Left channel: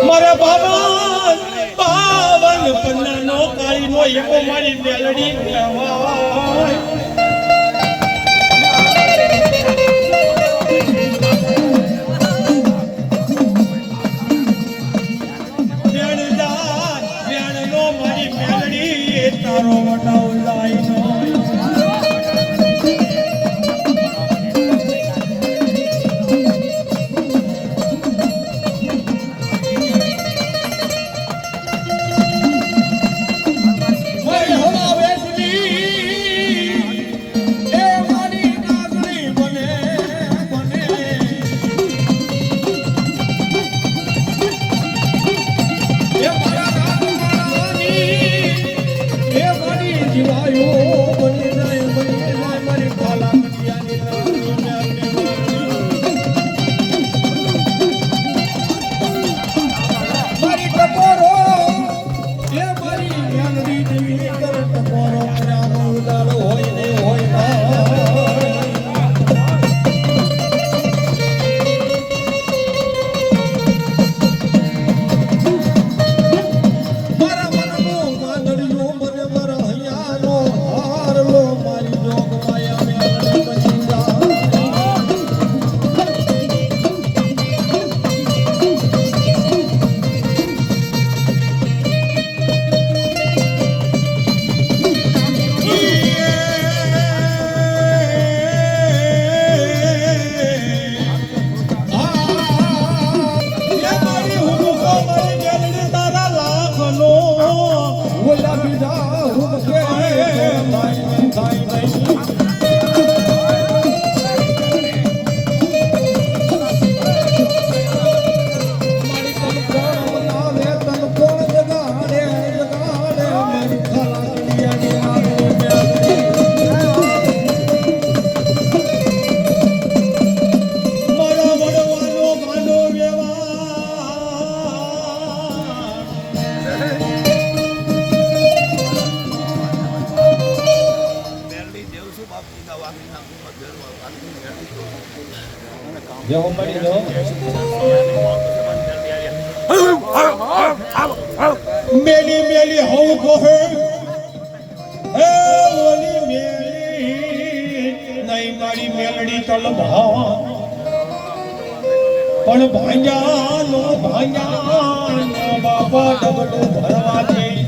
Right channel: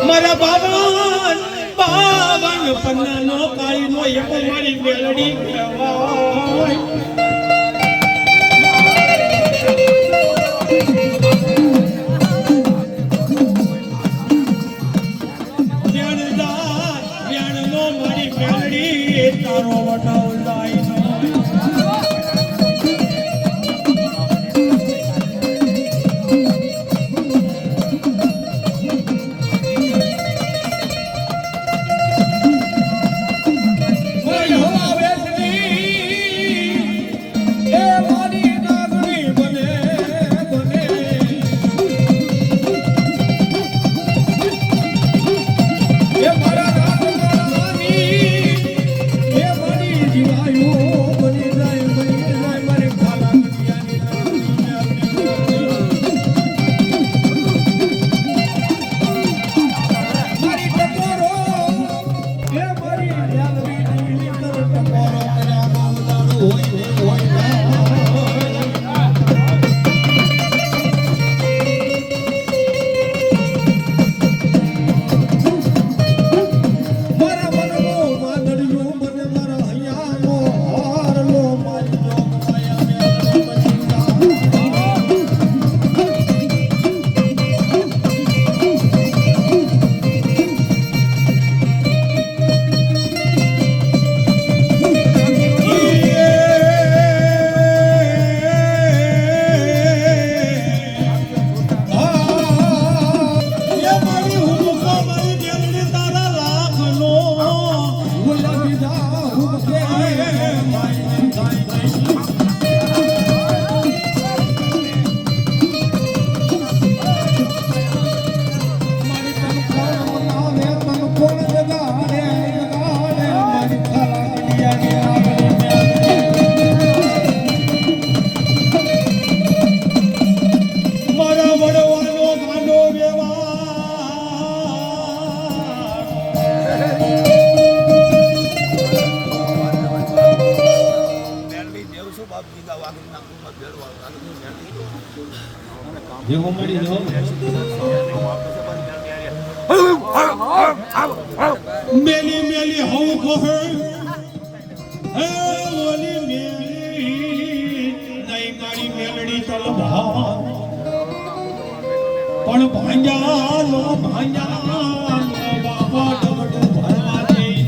મારા બાવન પન્નાનો કાળીનો એકો મારી બેલડી વ્યાણનો મારી બેલડી તારો વટાવ લાઈનો મેલી મેલી હું કોહે હે ઓલી મેલી નહીં મારી મેલડી તલભા પણ ભાંજા નો બાપા ડબડું ભરવા જઈ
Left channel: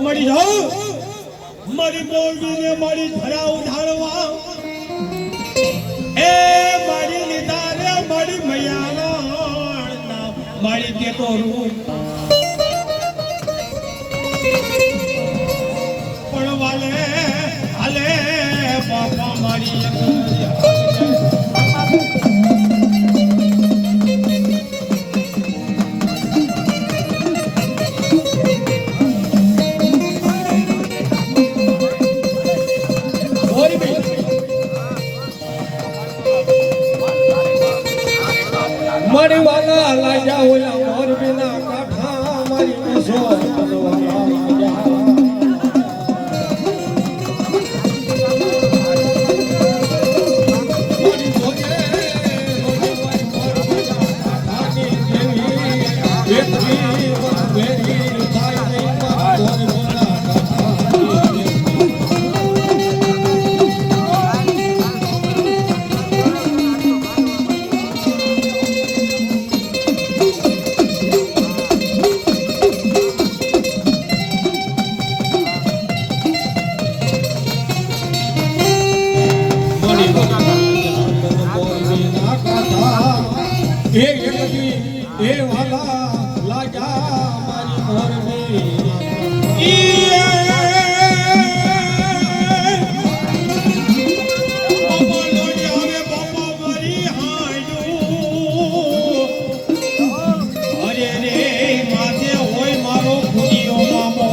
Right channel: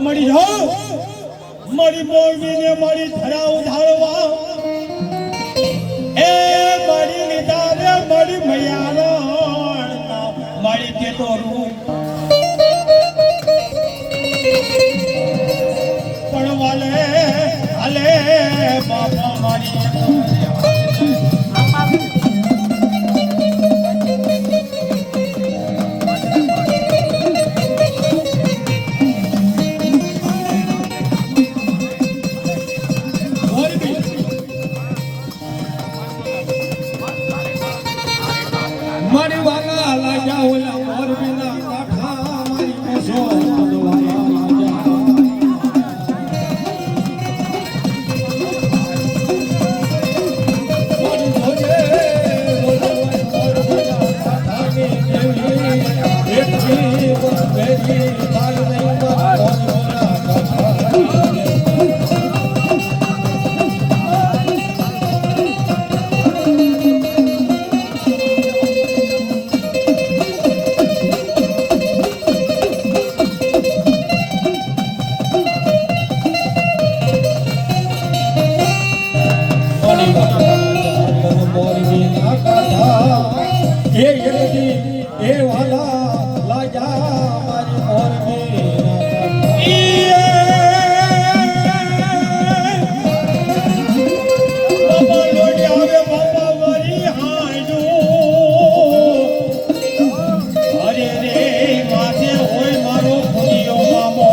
મળી જાઓ મારી મોરબીને મારી ધરા ઉધારવા એ મારી લીધા રે મારી મૈયાનો મારી કે તો રૂપ પણ વાલે હાલે બાપા મારી મારી વાલા લાજા ઓલા મોરબીના કાંઠા મારી કોસો એ વાલા લાજા મારી મોરબી બાપા લોડી આવે બાપા મારી હાંડો અરે રે માથે હોય મારો ફૂડિયો મામો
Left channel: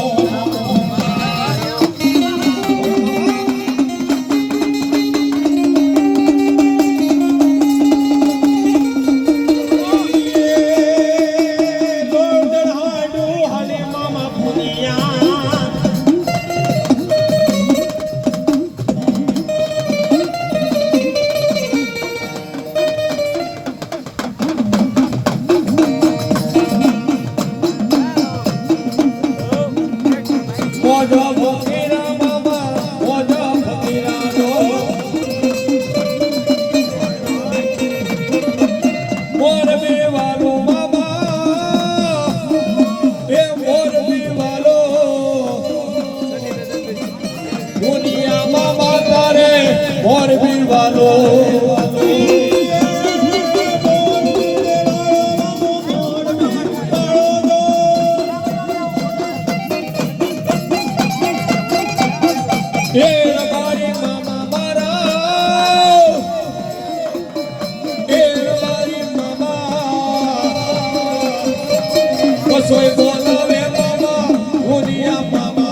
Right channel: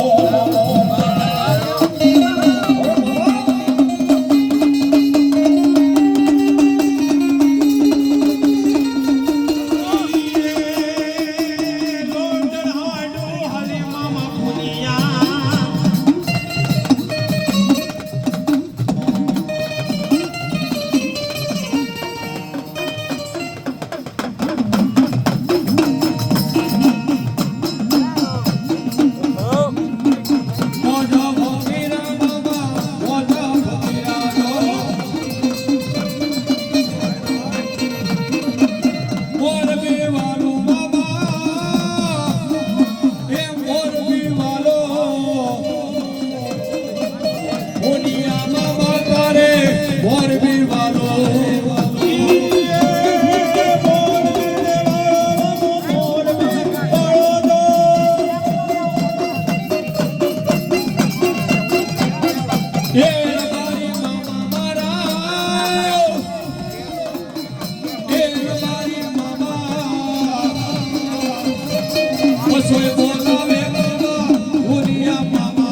Soy bola mama, Julia mama.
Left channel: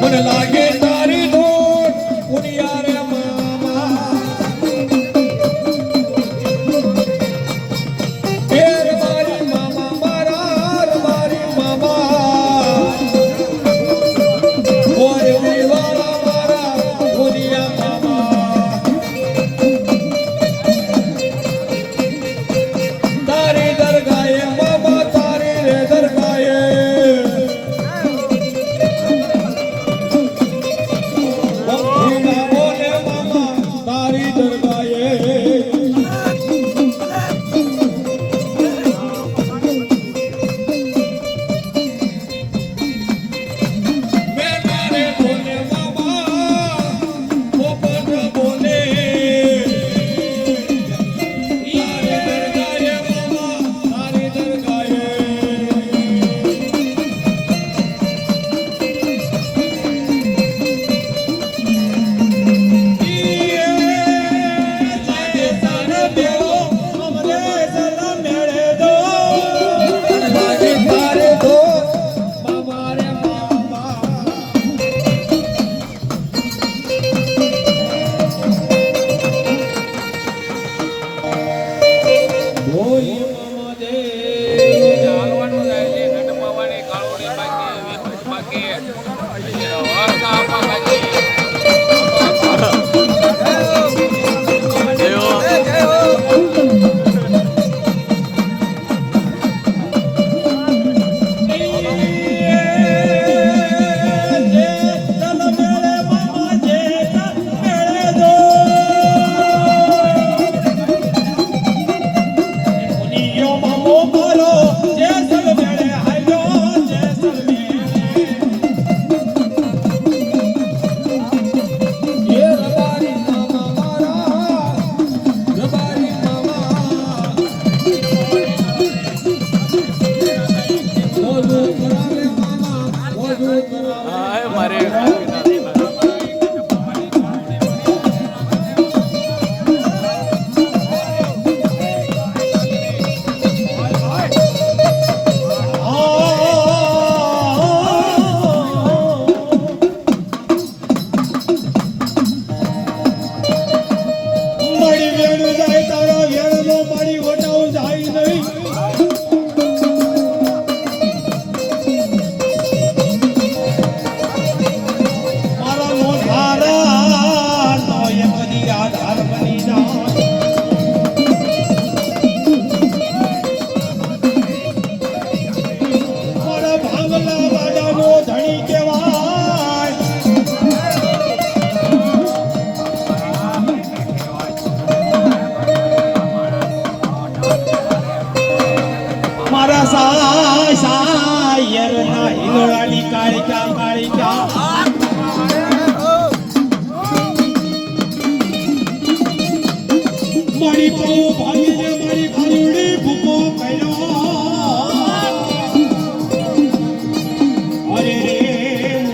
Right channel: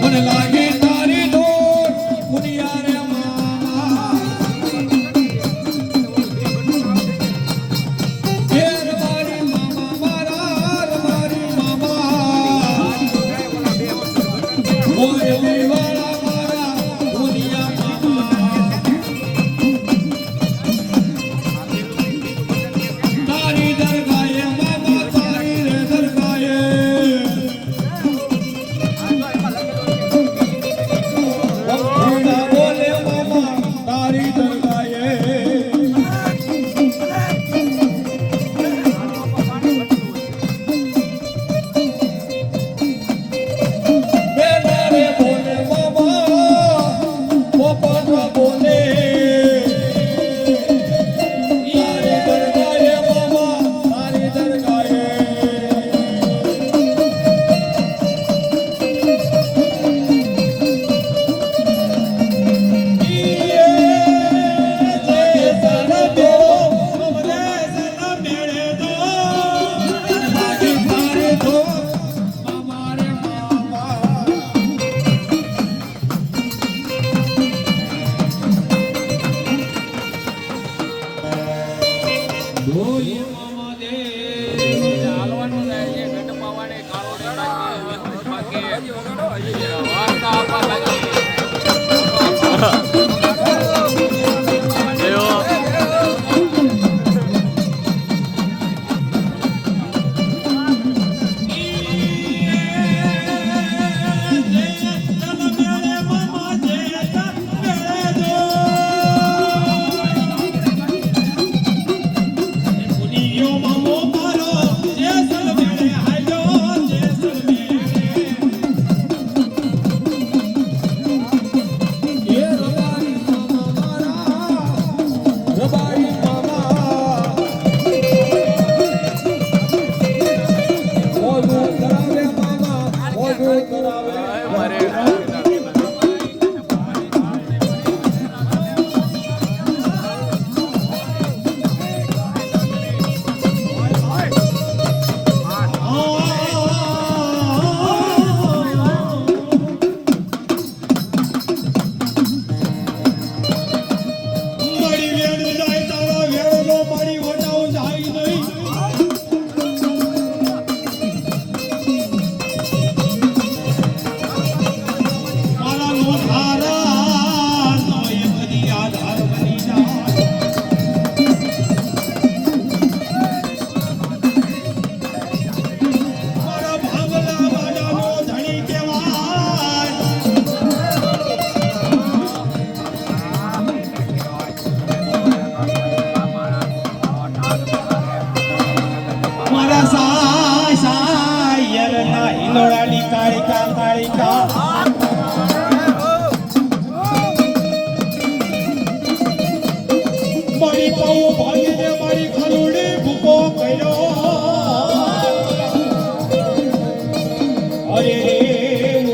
મને લાગે તારી ડોર, Julia રે mama. મારી mama મારા મારી mama. Everybody વેણ જાય તારા વેણનો મારી વટાવ જાય નહીં મારા નો ધારા નો એ બધી આધાર બની જાય મારા ભાંગલા વાડાનો ધણી કહેવાય મારા સાયર ના હિલોળાની કાળિકા કાળિકા મારી પાવો ભાંગીને મારી ખાલુડી ભૂકો કર્યો અરે રે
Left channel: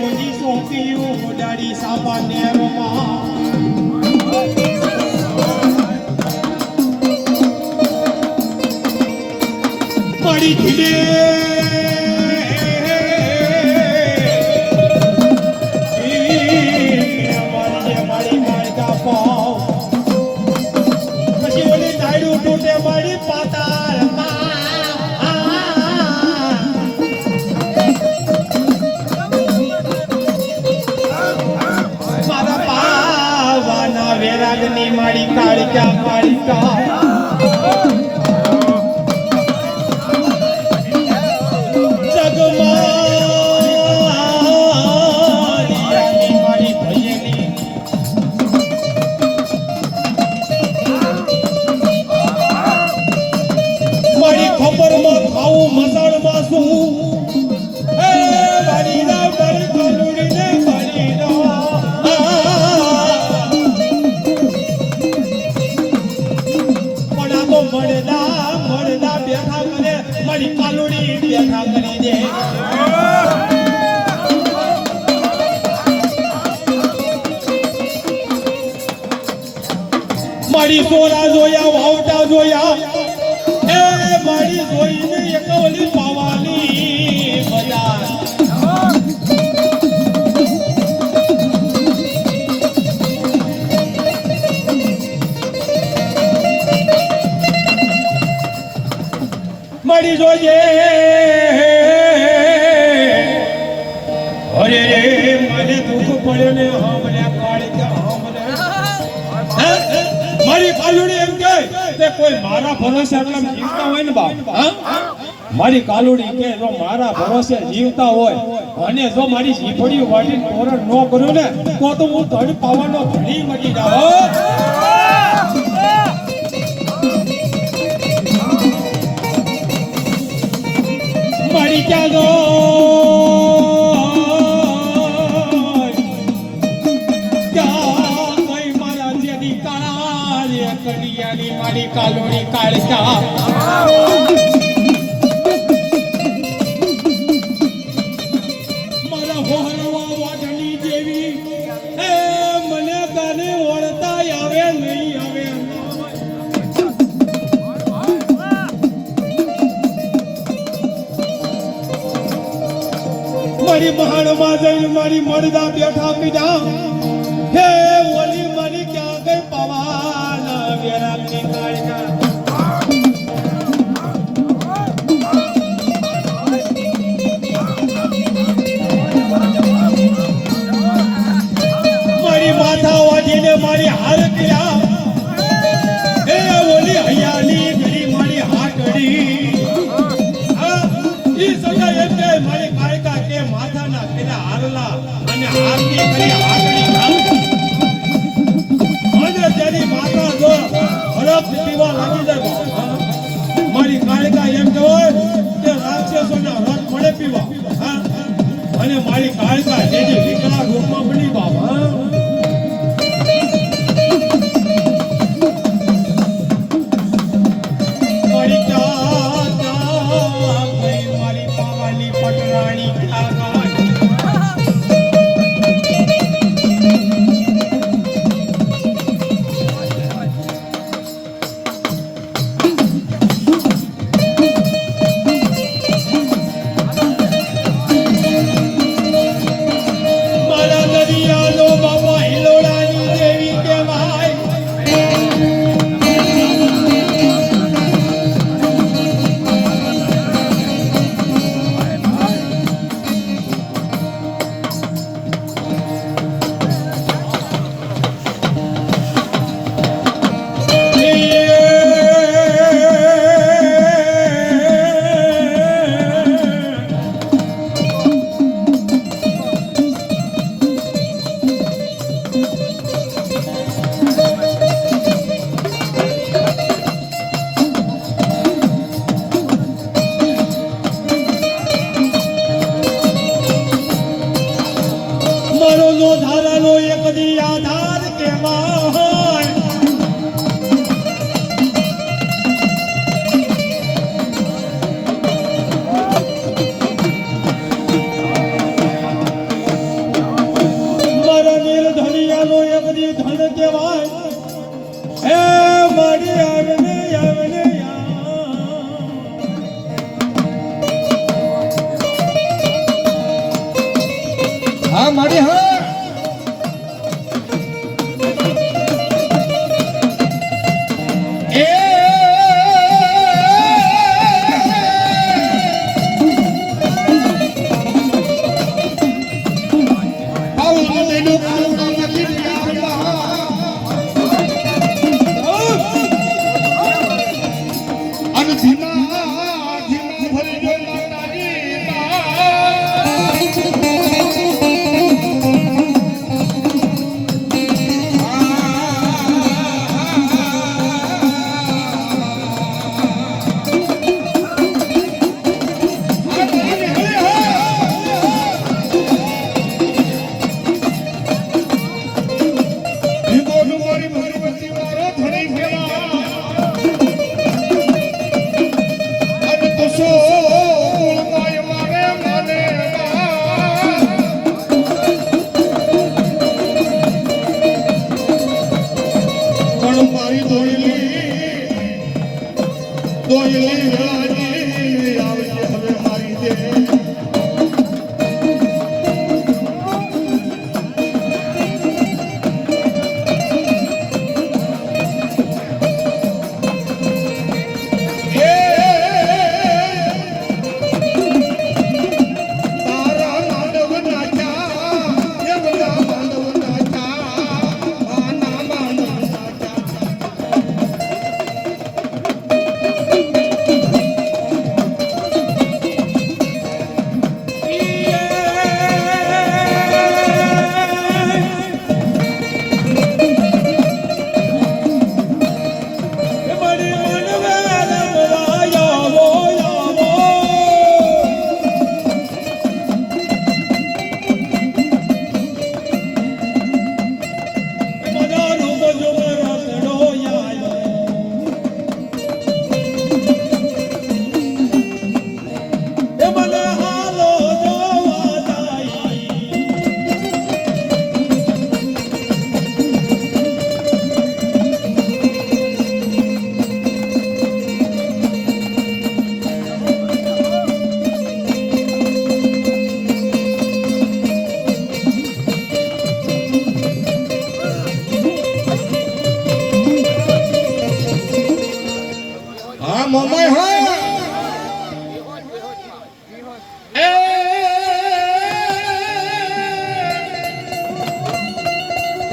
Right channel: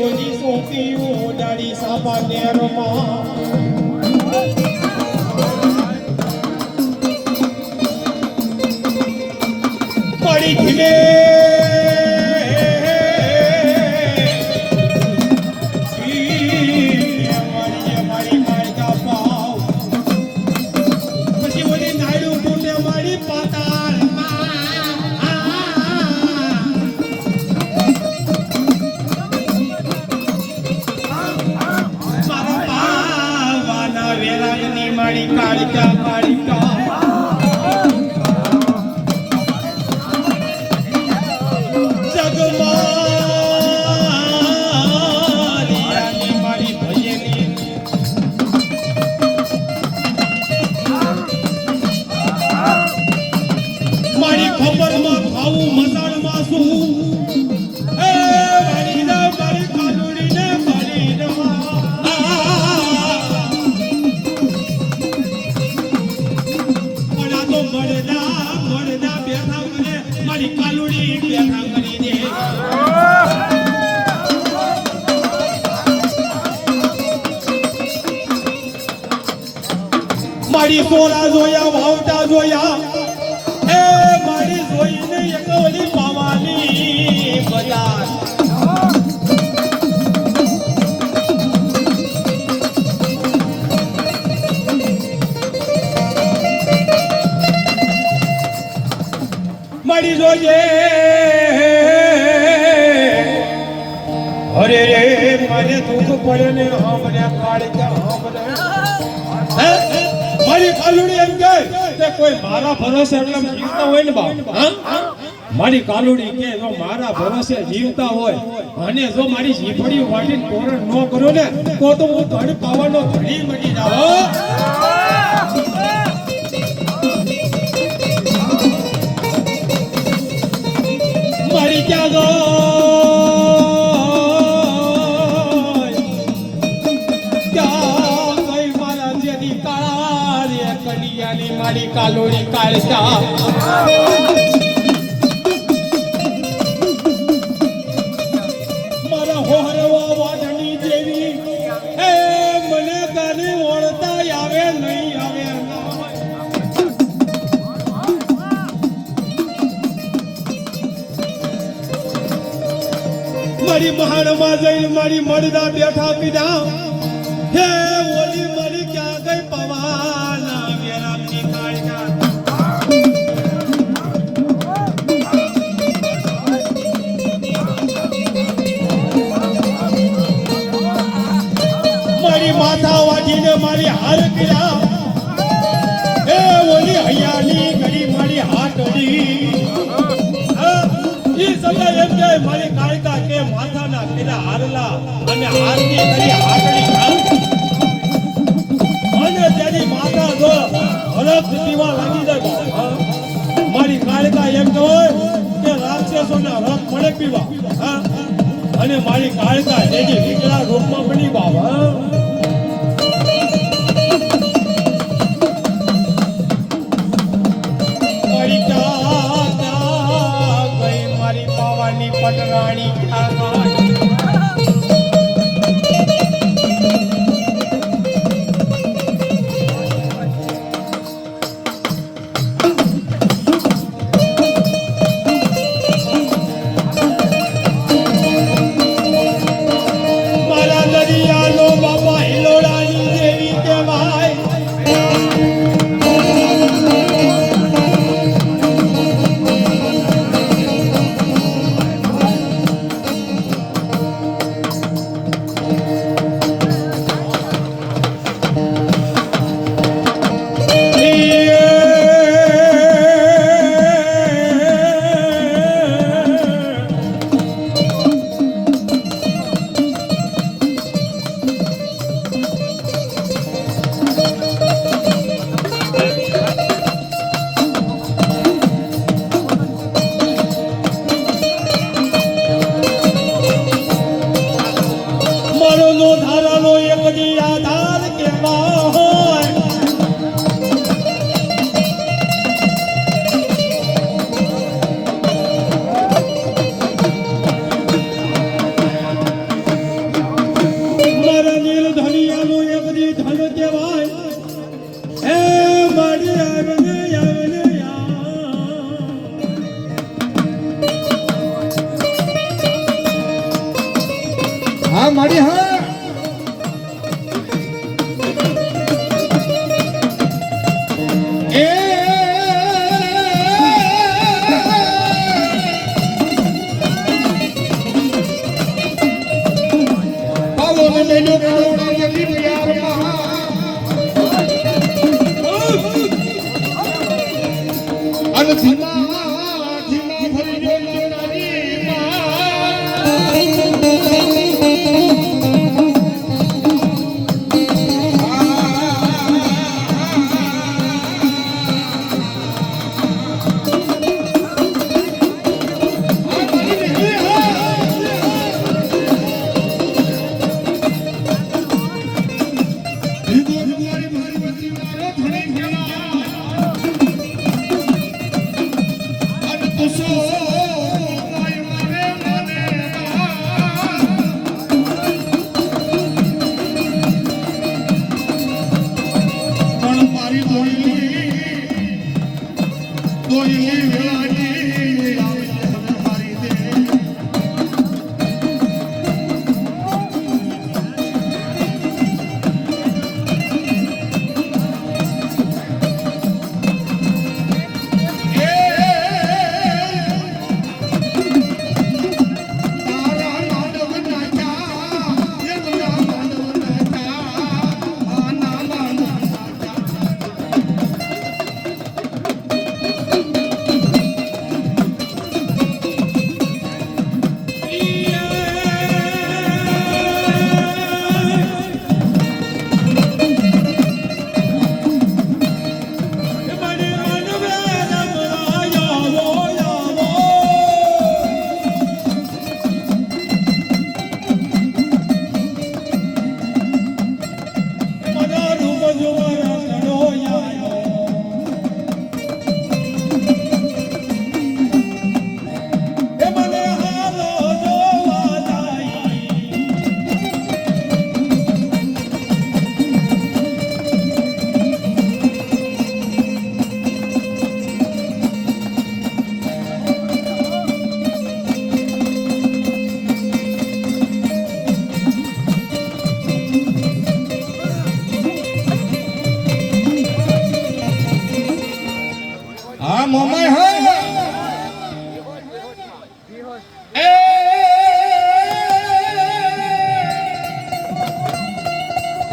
ઓજી સોંપ્યું ડાળી સાપા નેરમાં મારી ધીમે મારી કાળકા પાવ પછી ઓલી નાયડું ટૂટે મારી મારા પાવાના વેરાગની મારી કાળકા કાળકા જગમારિયાની મારી ભજની મારી ખબરમાં ખાવું મસાણમાં શું એ મારી ના મારી કલુડીને મારી ના પણ આ તો મળદા બેઠા કરે મારી કાલુડી બેઠા કરી દે મારી સોરા જોયા વાવટા જોયા એ મારી જોઈને એક ઓલી પવાની બજાર મારી જોઈએ અરે રે મને દુઃખ પડે ને આમને કાળિકા આમને મારી કાલુડી એમ કે તે કોઈ મારા ભરોસે એટલા જીવતા હોય ને બાપ મારી કાલુડી કે જો મારા ભરોસે જીવતા હોય અને જો મારી જીભડી વાટીને પોરણ ન કર્યો ને તો હું ધડ પાવાનો ધણી મટી જાવ મારી ક્યાં ગઈ ક્યાં ગઈ મારા જેની કાળા કડિયાની મારી કાલુડી કાળકા મારા હોહરવા વાટણી જેવી એ મને તને ઓળતા આવે નહીં આવે મારી મહાણમાં જઈને મારી મળદા બેઠા પીધા હે ઓલી મારી ક્યાં ગઈ પવાના વેરાગની કાળકા મારી માથા વાજીને મારી હાલ કર્યા હે ઓલી હૈયાલી કરી મારી હાટડી ઈ સમજાય એમ કે મારી કાળકા કે માથાના પેલા હારલા અને હાથની કરી હાટડી અને તેની માથા જો હરખ પીવા લાગી જાય મારી કાળકા એમ કહેવાય કે રાક્ષસોના રથ મળે પીવા અને મારી કાળકા જેની વિકળા રૂપમાં બની બાબા મારી પાવાની પટરાણી મારી આવને આવને હા મારી હા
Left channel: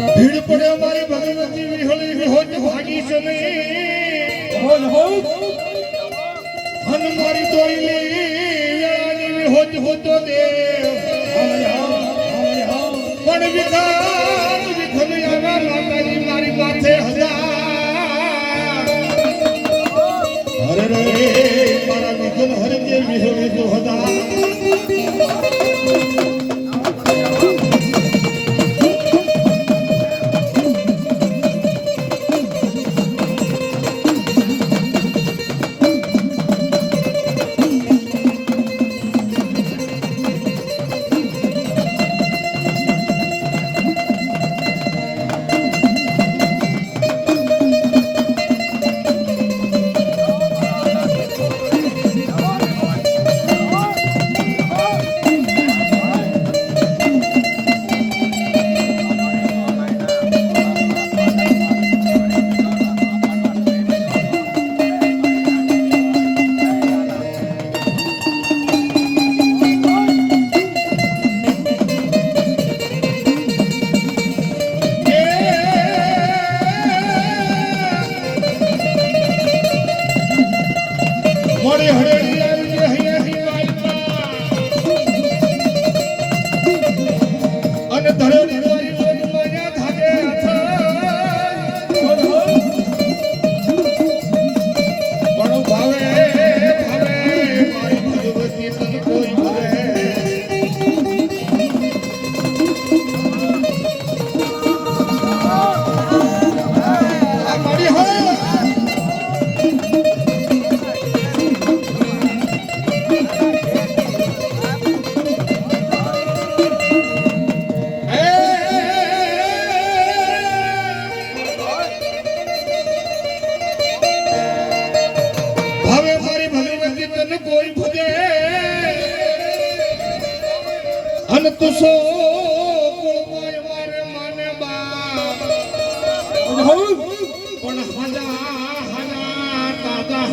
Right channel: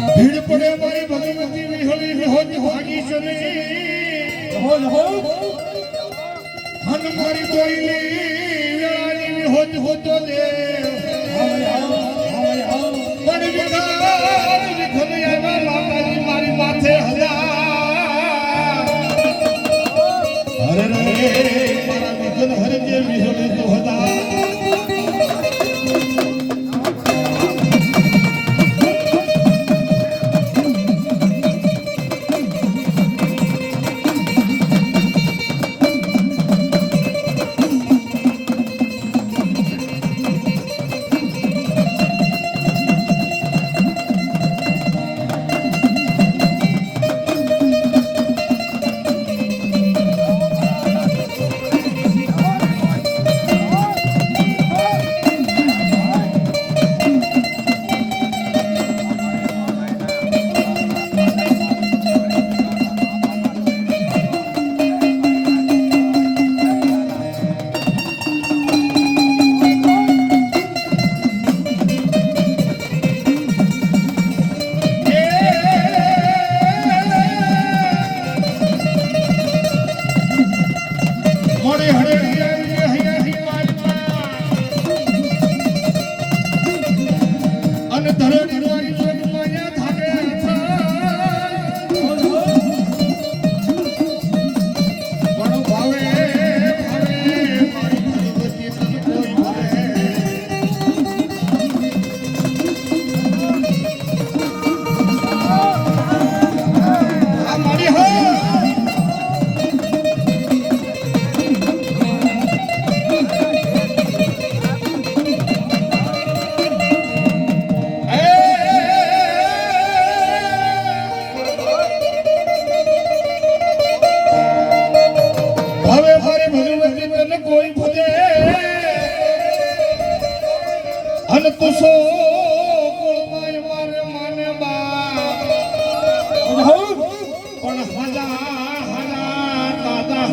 ભીડ પડે મારી ભગવતી વિહળી વિહોજ ભાગી ચમે હોજ હો હન મારી તોઈલી વેળાની વિહોજ હોતો દે પણ વિધાન વિખમ આવા માતાજી મારી માથે હજાર અરે રે મારા વિઘન હરજે વિહળી તો હજાર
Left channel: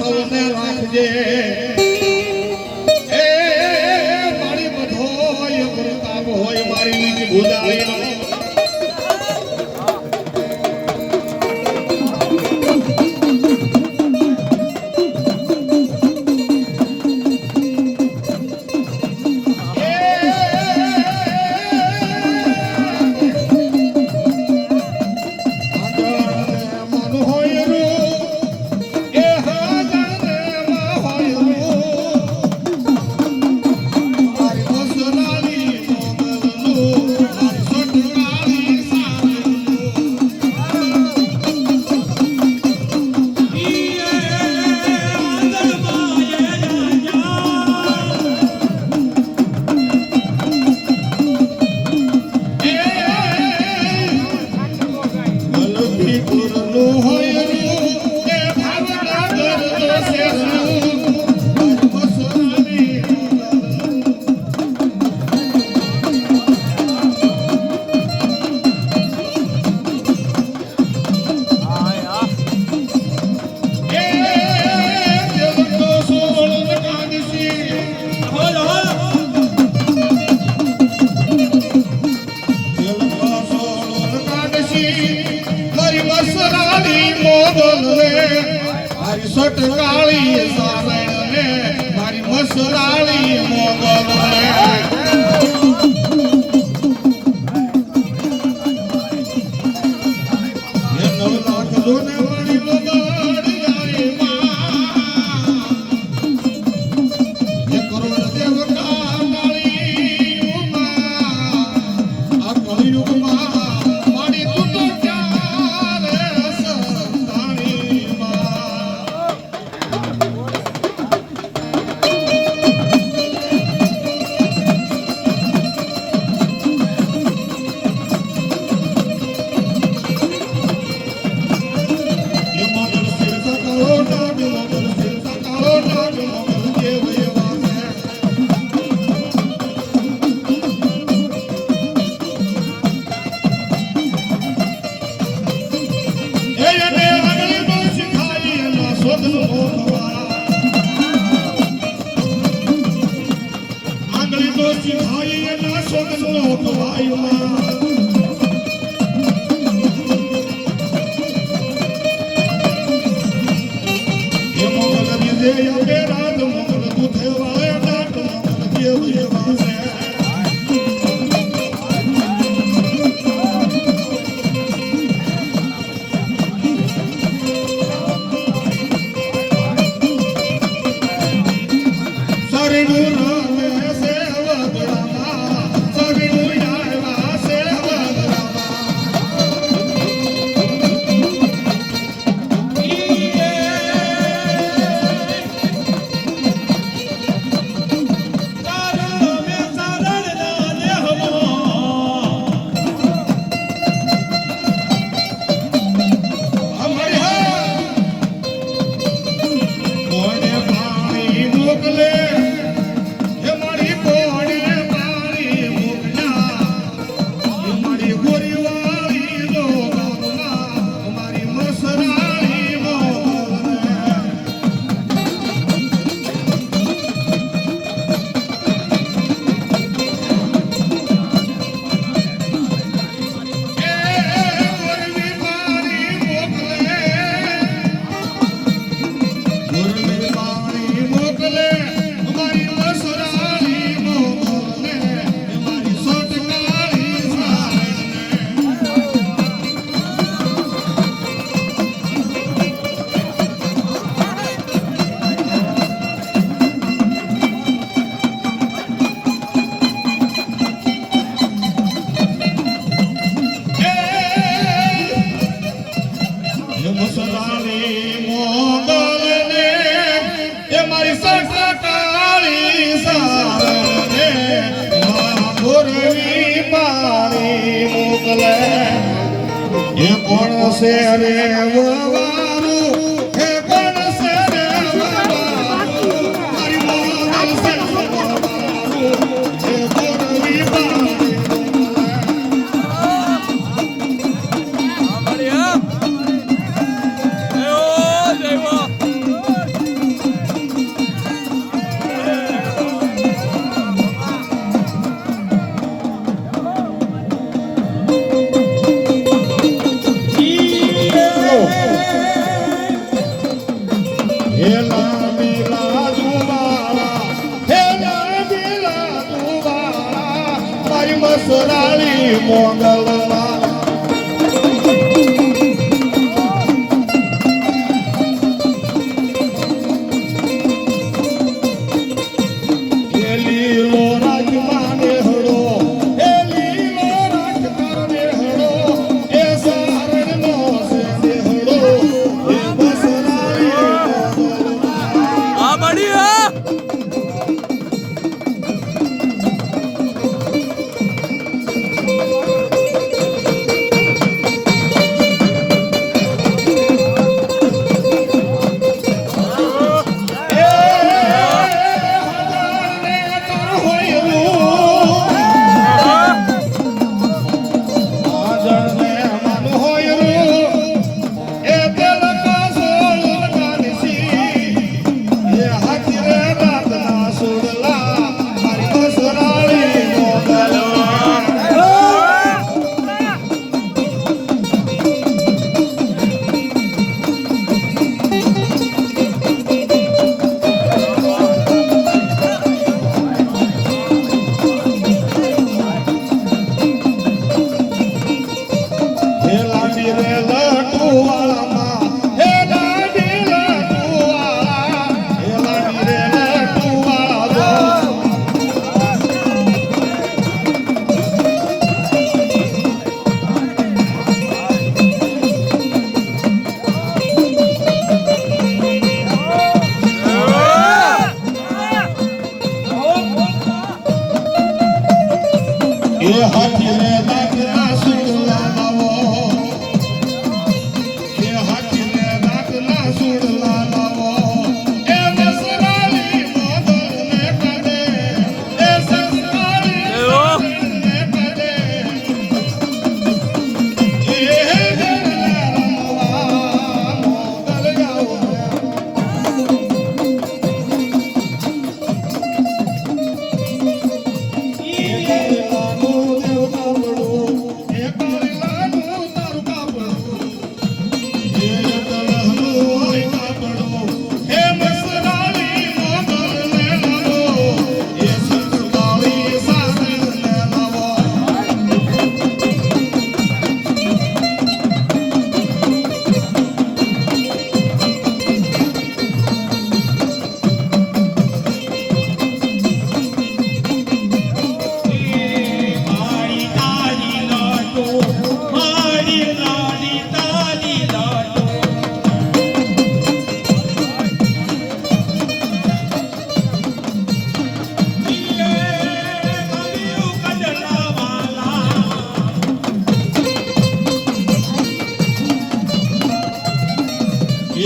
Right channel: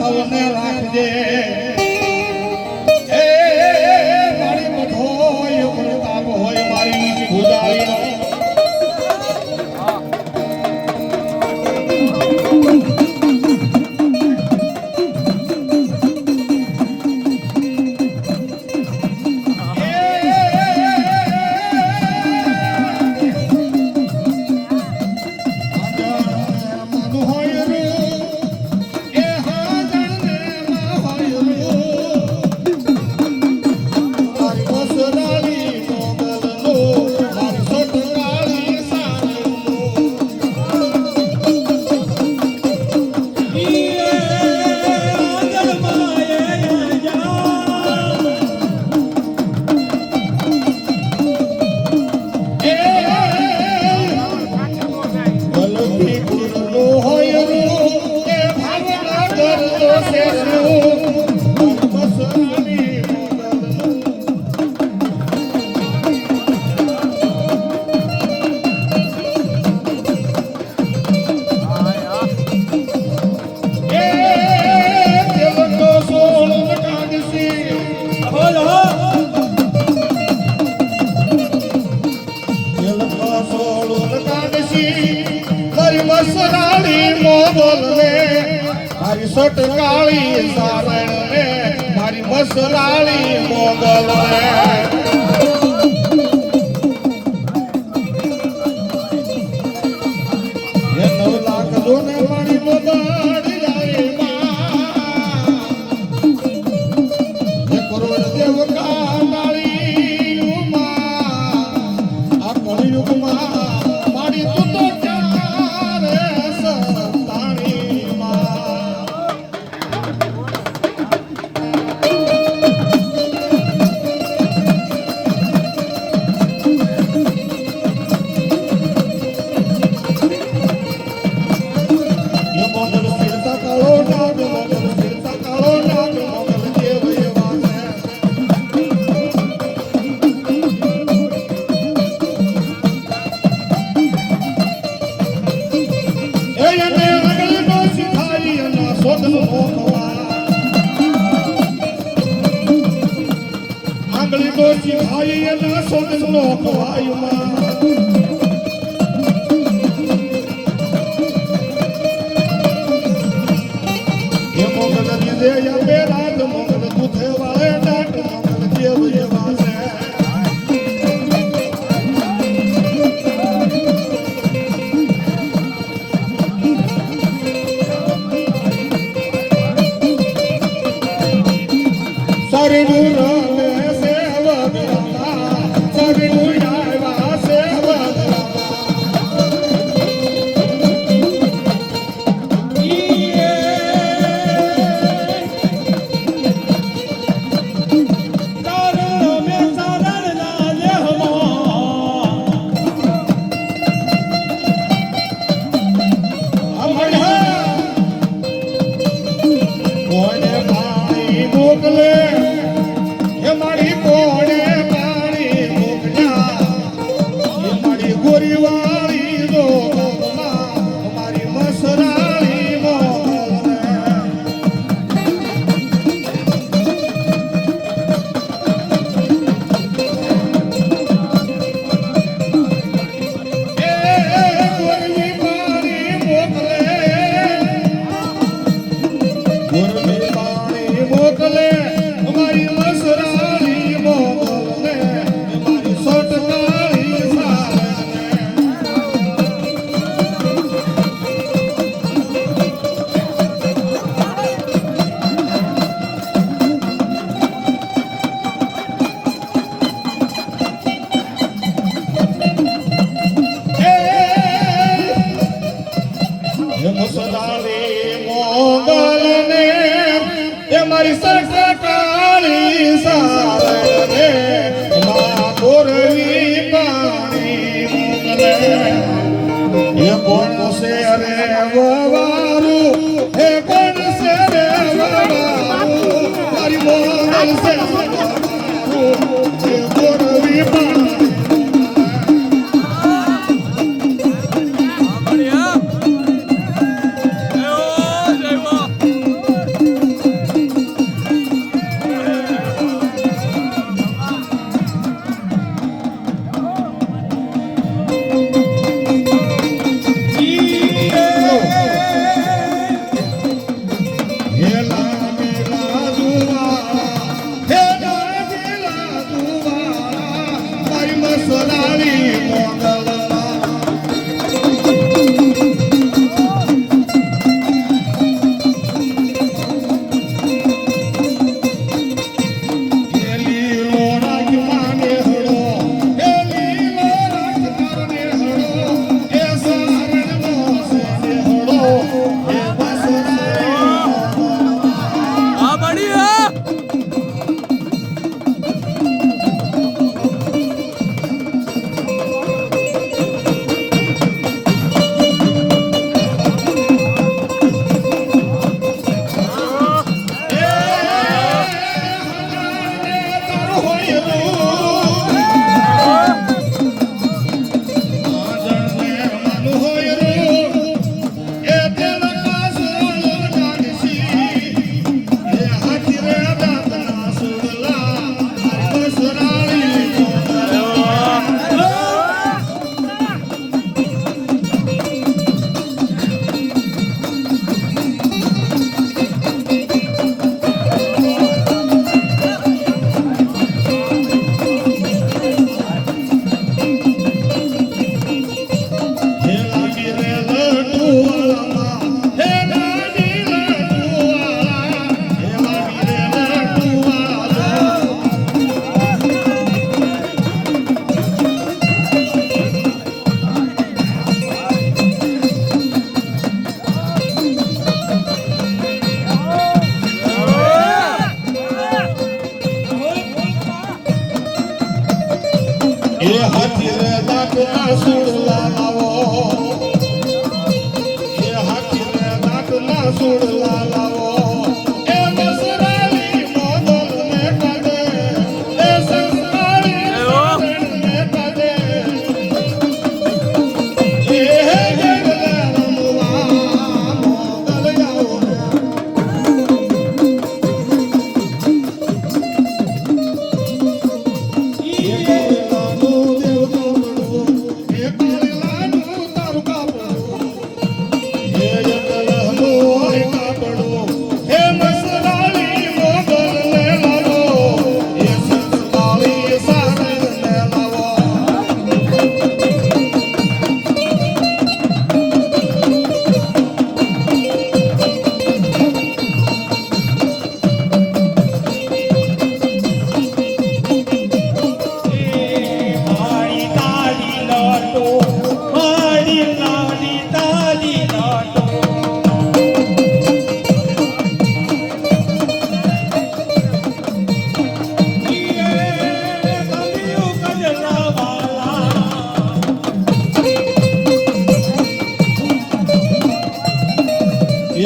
સૌને રાખજે એ મારી બધોય પ્રતાપ હોય મારી નીચ ભૂજાળીનો સટકાળી સારણ ને મારી મસલાળી મોગલ એનો લાખો ને મારી મોગલ કરોડ દેવ કાળી આ કળિયુગમાં મારી તું તો ચારે સંતાણી આંગળી તો સિખાઈ એના સોદનો ખવાયુમાં એ મોગલ દીધે યે રાત મોગલ દુધે વાળે ડાટ મોગલ દેવ એ વાસે હે લામીલા દુવાળા હે લામીલા દુવાળા મારી મસરાળી મોગલમાં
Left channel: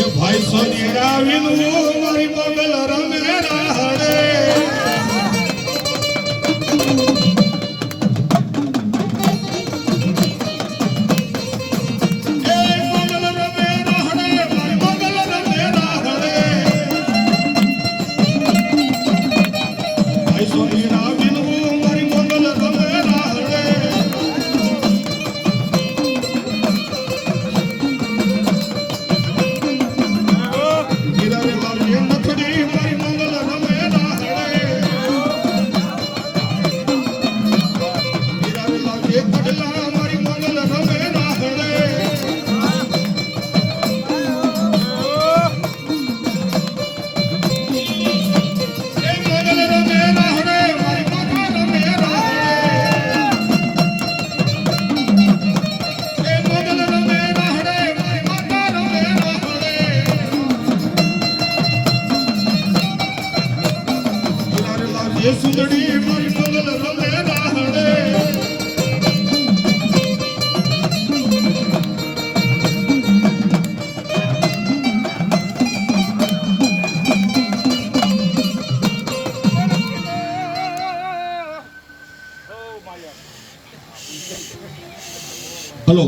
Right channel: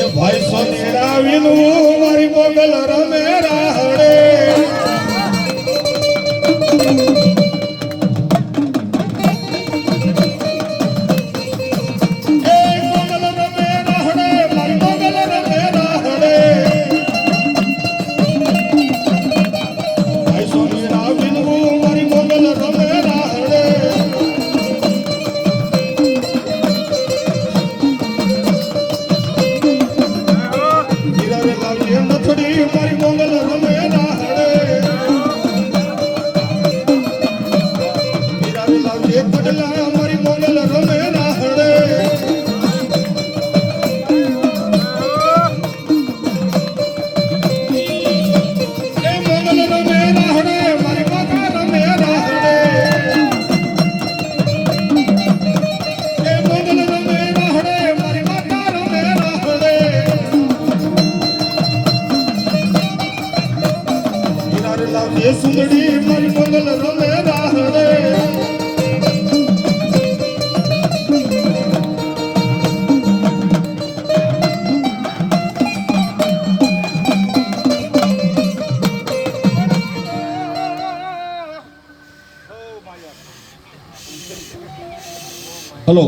ભાઈ સોનેડા વિનું મારી મોગલ રમે રાહડે સુંદડી મારી મંગલ રમે રાહડે હેલો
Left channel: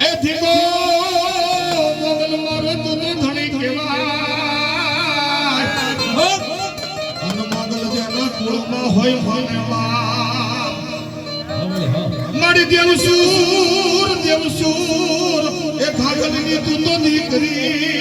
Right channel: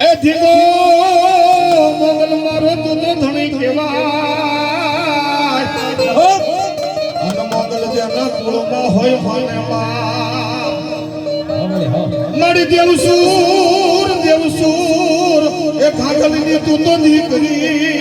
એ ધીમો મંગલ મારો તું ધણી કેવાય અને મંગલ જેના કુળમાં હોય હોને મારી દેવસૂર એ ભાગલની તું તો દીકરી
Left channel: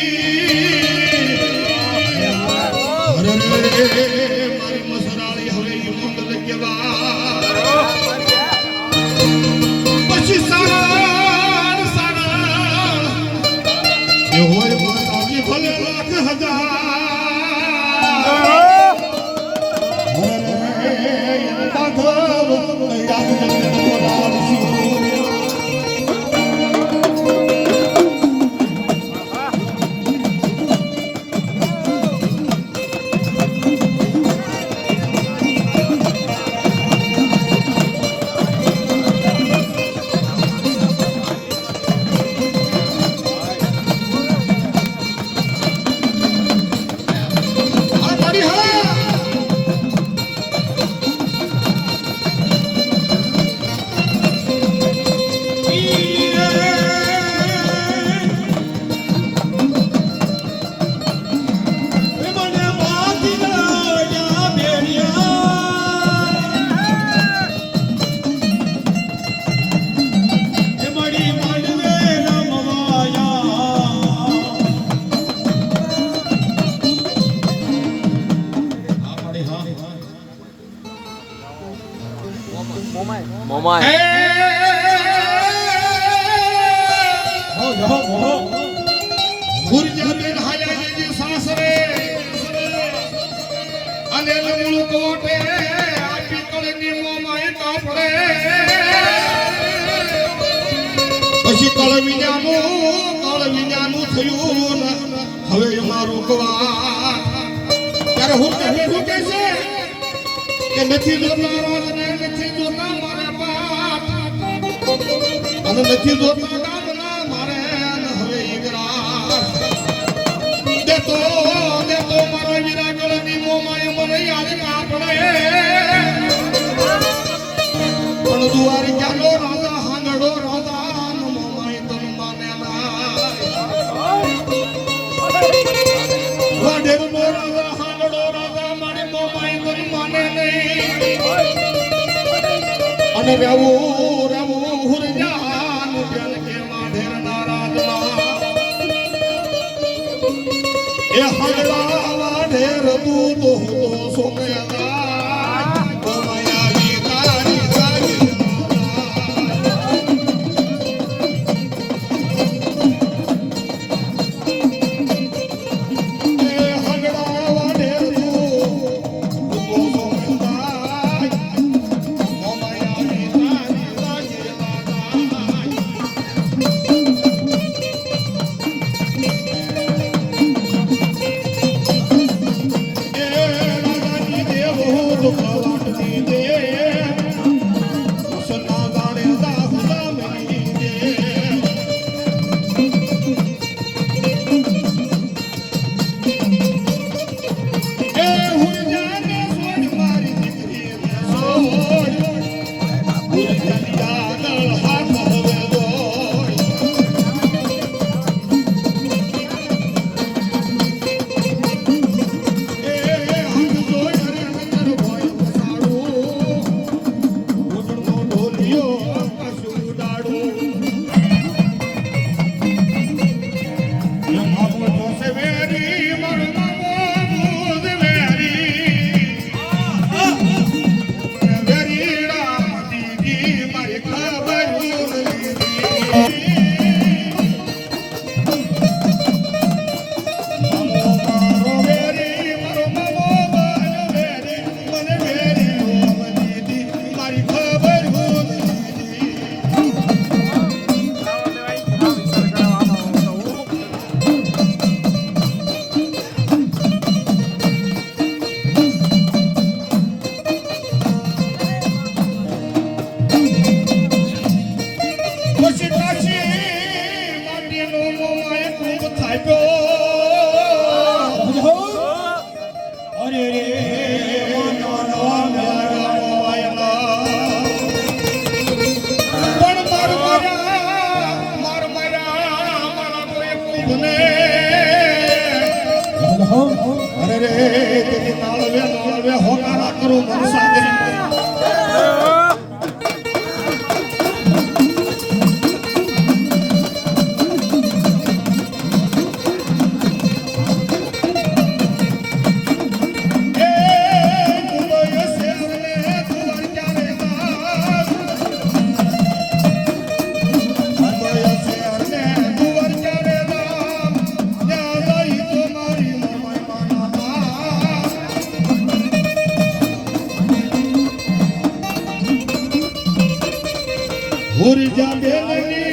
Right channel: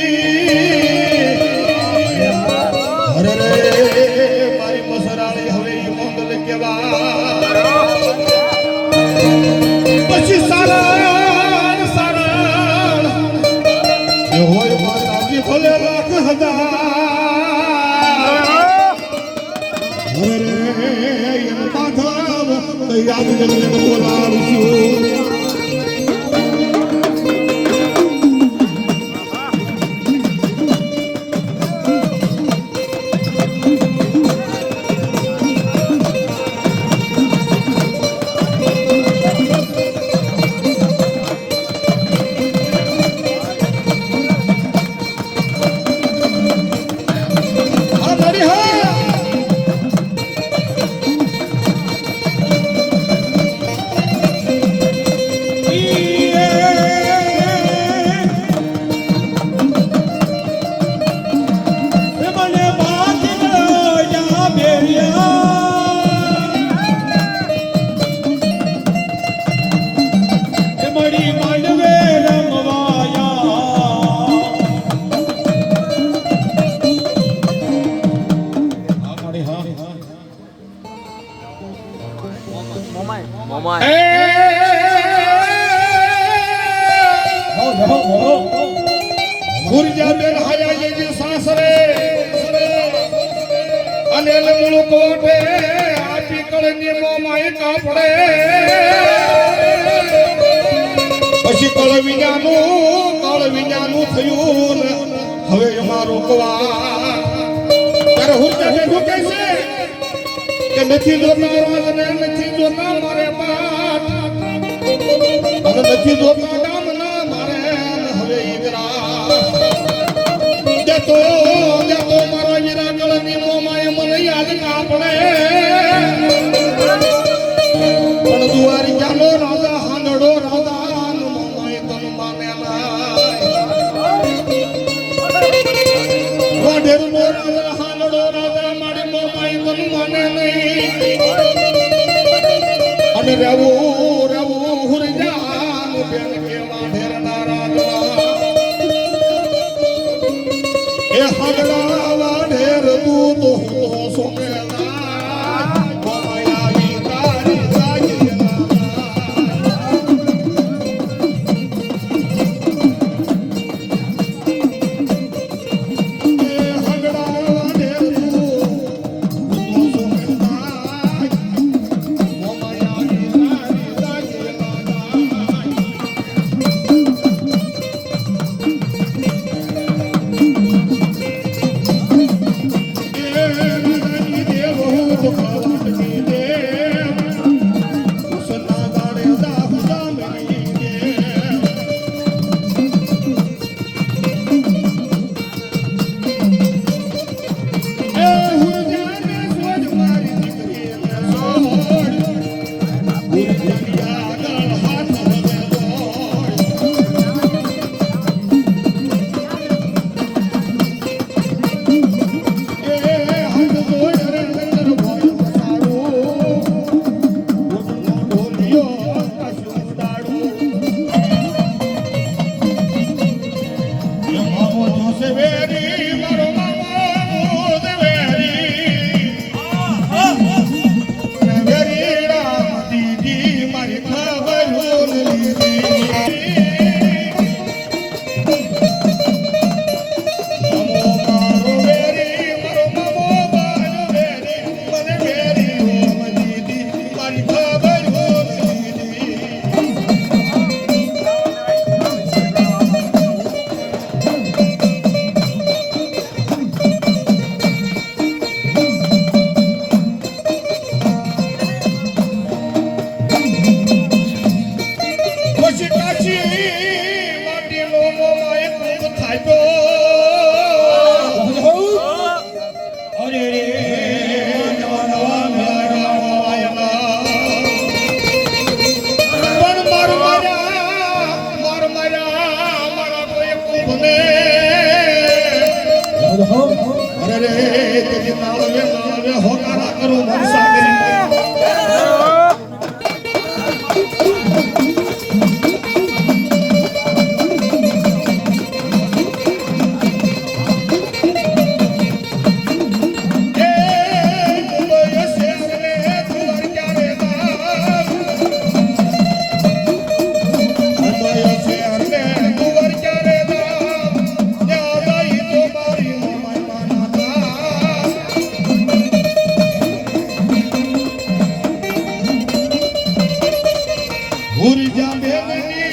ગુરજાબેન હાયાજી સાસરે અને લમણું કોટે આપી કળની મોમાય કાપડે પછી કળ વિનાનું થયું ને હવે એમાં રોકવા ત્યારે હુરજાબેન શું કહે છે કે નથી જોતા રાજને નથી જોતા મારે બાપ અને નથી જોતા ગામના મારે હવે ઈગરા દેતો મારા હીરા ગળની મોમાય મને યાદ કાપડે પણ દુવારી ચાલો રાજા હાંગડો રાજા મોમાય તન માને વાઢેરનો રાજા હાંગડો રાજા મારી મોમાય તન માને નહીં અને રહેવું હુરજાનું બેન કે વાઢેરના રાજમાં એ હાગડા વાઢેર તું તો સોમેલા મોમાયાની તારી તારી એ હાગડા વાઢેર તું તો સોમેલા મોમાયાની તારી તારી મારી ભૂર જાંબે